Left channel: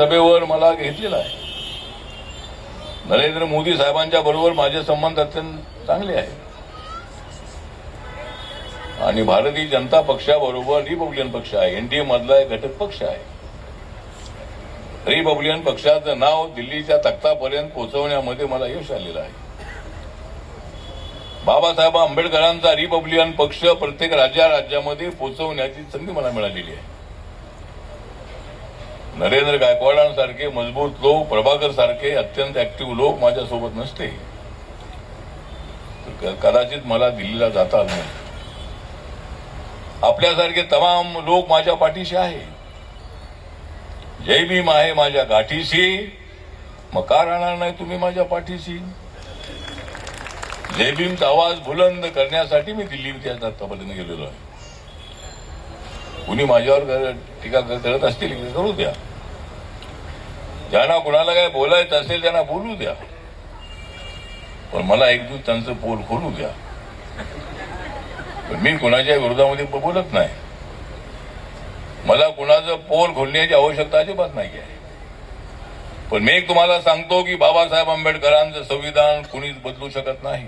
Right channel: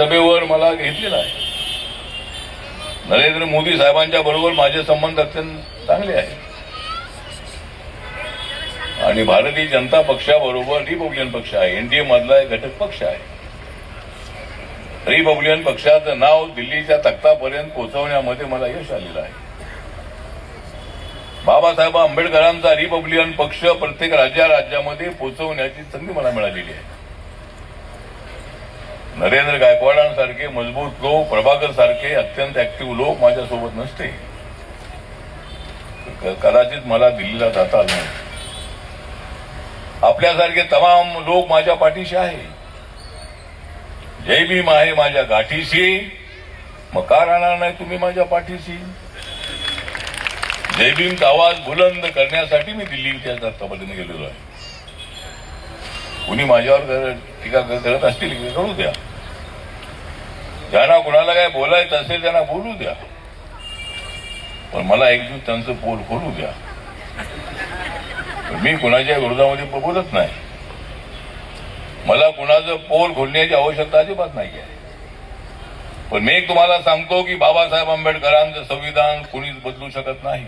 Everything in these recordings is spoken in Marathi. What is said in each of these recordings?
सभेवर मला घेतलेला आहे. नरेंद्र मोदी साहेबांच्या बरोबर माझे संबंध अत्यंत चांगले आहेत आणि भारतीय जनता पक्षाबरोबर रिपब्लिकन पक्ष आहे, एनडीए मधला एक घटक पक्ष आहे. रिपब्लिकन पक्षाचं नाव दिल्लीच्या तख्तापर्यंत पोहोचवण्यामध्ये मला यश आलेलं आहे. बाबासाहेब आंबेडकरांचा रिपब्लिकन पक्ष प्रत्येक राज्यामध्ये पोहोचवण्याची संधी मला मिळालेली आहे. नरेंद्र गायकवाडांसारखे मजबूत लोक, प्रभाकर सारखे अत्यंत ऍक्टिव्ह लोक माझ्यासोबत नसते कदाचित मला दिल्लीला जाता आलं नाही. आपल्यासारखे तमाम लोक माझ्या पाठीशी आहे. जय भीम आहे माझ्या गाठीशी, मग का राहणार नाही तुम्ही माझ्या पाठीशी? जय भीमचा आवाज बुलंद करण्यासाठी मी दिल्लीच्या तख्तापर्यंत गेलेलो आहे. कुणी माझ्यावर टीका करत असतील करू द्या, ज्यांना कुणाला काय बोलायचं असेल त्यांना बोलू द्या, पण मला एक दिवस त्यांचं पोल खोलू द्या. मी कुणाच्या विरोधामध्ये बोलत नाही. मला कुणाचं पोल खोलण्याची आवश्यकता अजिबात नाही आहे. पण मी एक तुम्हाला सांगतो की बाबासाहेब आंबेडकरांचं संविधान कुणीच बदलू शकत नाही.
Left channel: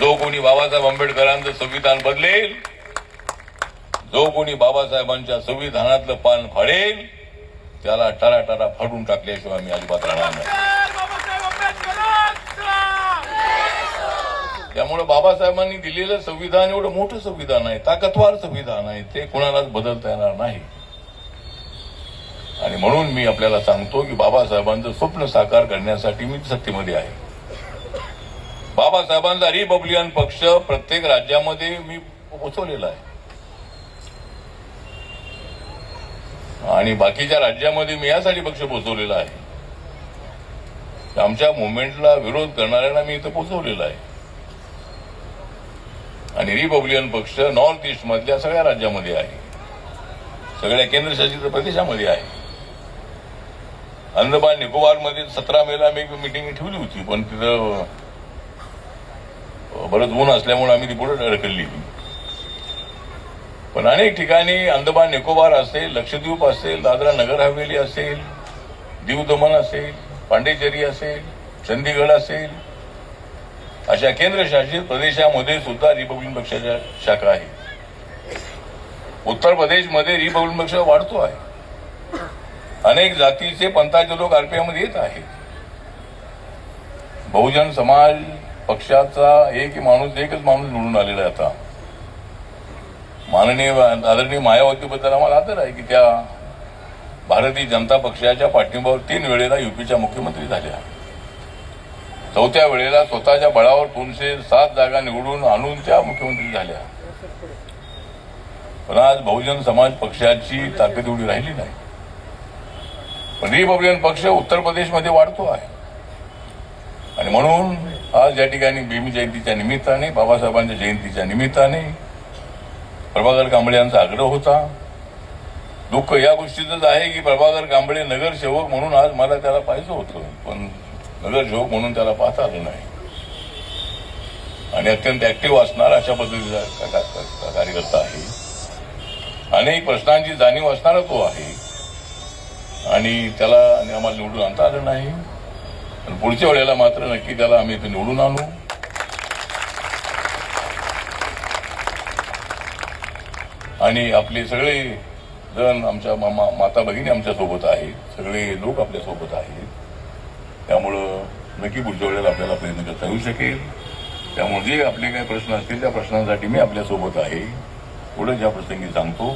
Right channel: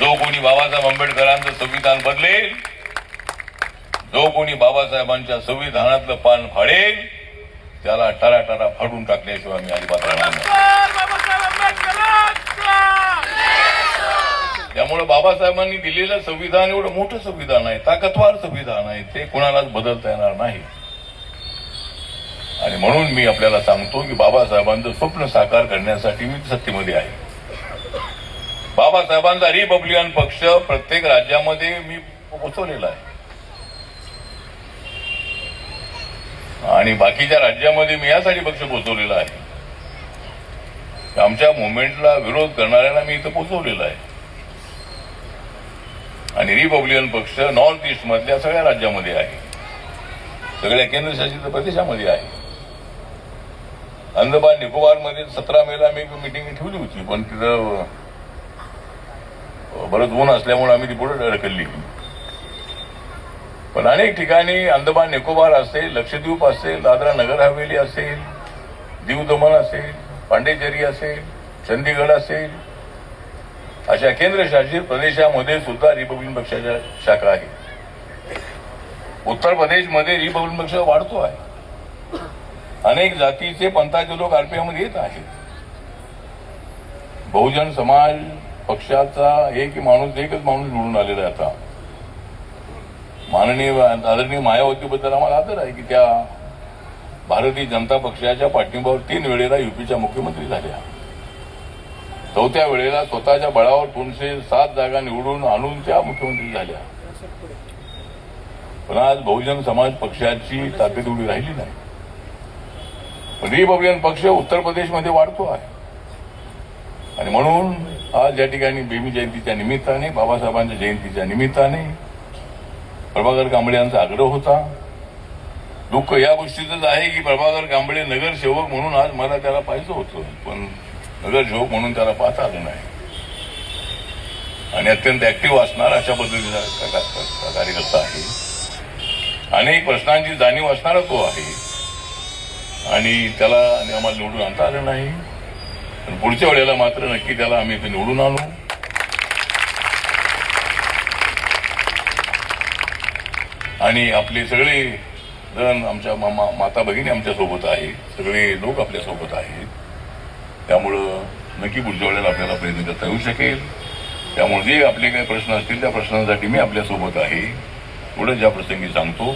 जो कोणी बाबासाहेब आंबेडकरांचं संविधान बदलेल, जो कोणी बाबासाहेबांच्या संविधानातलं पान फाडेल, त्याला टराटरा फाडून टाकल्याशिवाय मी अजिबात राहणार नाही. त्यामुळे बाबासाहेबांनी दिलेलं संविधान एवढं मोठं संविधान आहे, ताकदवार संविधान आहे, ते कुणालाच बदलता येणार नाही. आणि म्हणून मी आपल्याला सांगतो की बाबासाहेबांचं स्वप्न साकार करण्यासाठी मी सत्तेमध्ये आहे. बाबासाहेबांचा रिपब्लिकन पक्ष प्रत्येक राज्यामध्ये मी पोचवलेला आहे आणि बाकीच्या राज्यामध्ये मी यासाठी पक्ष पोचवलेला आहे. आमच्या मुवमेंटला विरोध करणाऱ्यांना मी इथं पोचवलेला आहे आणि रिपब्लिकन पक्ष नॉर्थ ईस्ट मधल्या सगळ्या राज्यामध्ये आहे, सगळ्या केंद्रशासित प्रदेशामध्ये आहे. अंदमान निकोबारमध्ये 17 मेला मी एक मिटिंग ठेवली होती, पण तिथं बरंच ऊन असल्यामुळे आम्ही ती पुढे ढकलली. पण अनेक ठिकाणी अंदमान निकोबार असेल, लक्षद्वीप असेल, दादरा नगर हवेली असेल, दीव दमन असेल, पांडेचेरी असेल, चंदीगड असेल, अशा केंद्रशासित प्रदेशामध्ये सुद्धा रिपब्लिकन पक्षाच्या शाखा आहेत. उत्तर प्रदेशमध्ये रिपब्लिकन पक्ष वाढतो आहे. अनेक जातीचे पंथाचे लोक आरपीआयमध्ये येत आहेत. बहुजन समाज पक्षाचा एकच माणूस निवडून आलेला आहे. आता माननीय आदरणीय मायावतीबद्दल आम्हाला आदर आहे की त्या भारतीय जनता पक्षाच्या पाठिंब्यावर 3 वेळेला युपीच्या मुख्यमंत्री झाल्या. 4थ्या वेळेला स्वतःच्या बळावर 207 जागा निवडून आणून त्या मुख्यमंत्री झाल्या. पण आज बहुजन समाज पक्षाची ताकद एवढी राहिली नाही. पण रिपब्लिकन पक्ष उत्तर प्रदेशमध्ये वाढतो आहे आणि म्हणून आज या ठिकाणी भीम जयंतीच्या निमित्ताने, बाबासाहेबांच्या जयंतीच्या निमित्ताने प्रभाकर कांबळे यांचा आग्रह होता. दुःख या गोष्टीचंच आहे की प्रभाकर कांबळे नगरसेवक म्हणून आज मला त्याला पाहिजे होतं, पण नगरसेवक म्हणून त्याला पाहता आलं नाही. आणि अत्यंत ऍक्टिव्ह असणारा अशा पद्धतीचा कार्यकर्ता आहे. अनेक प्रश्नांची जाणीव असणारा तो आहे आणि त्याला आम्हाला निवडून आणता आलं नाही. पण पुढच्या वेळेला मात्र नक्की त्याला आम्ही इथे निवडून आणू. आणि आपले सगळे जण, आमच्या माता भगिनी आमच्या सोबत आहे, सगळे लोक आपल्या सोबत आहेत. त्यामुळं नक्की पुढच्या वेळेला आपल्याला प्रयत्न करता येऊ शकेल. त्यामुळे जे आपले काही प्रश्न असतील त्या प्रश्नांसाठी मी आपल्यासोबत आहे, एवढं ज्या प्रसंगी सांगतो.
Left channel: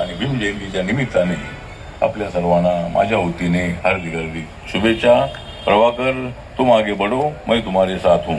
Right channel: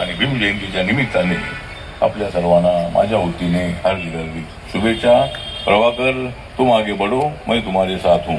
आणि भीम जयंतीच्या निमित्ताने आपल्या सर्वांना माझ्या वतीने हार्दिक हार्दिक शुभेच्छा. प्रभाकर, तुम आगे बढ़ो, मैं तुम्हारे साथ हूं.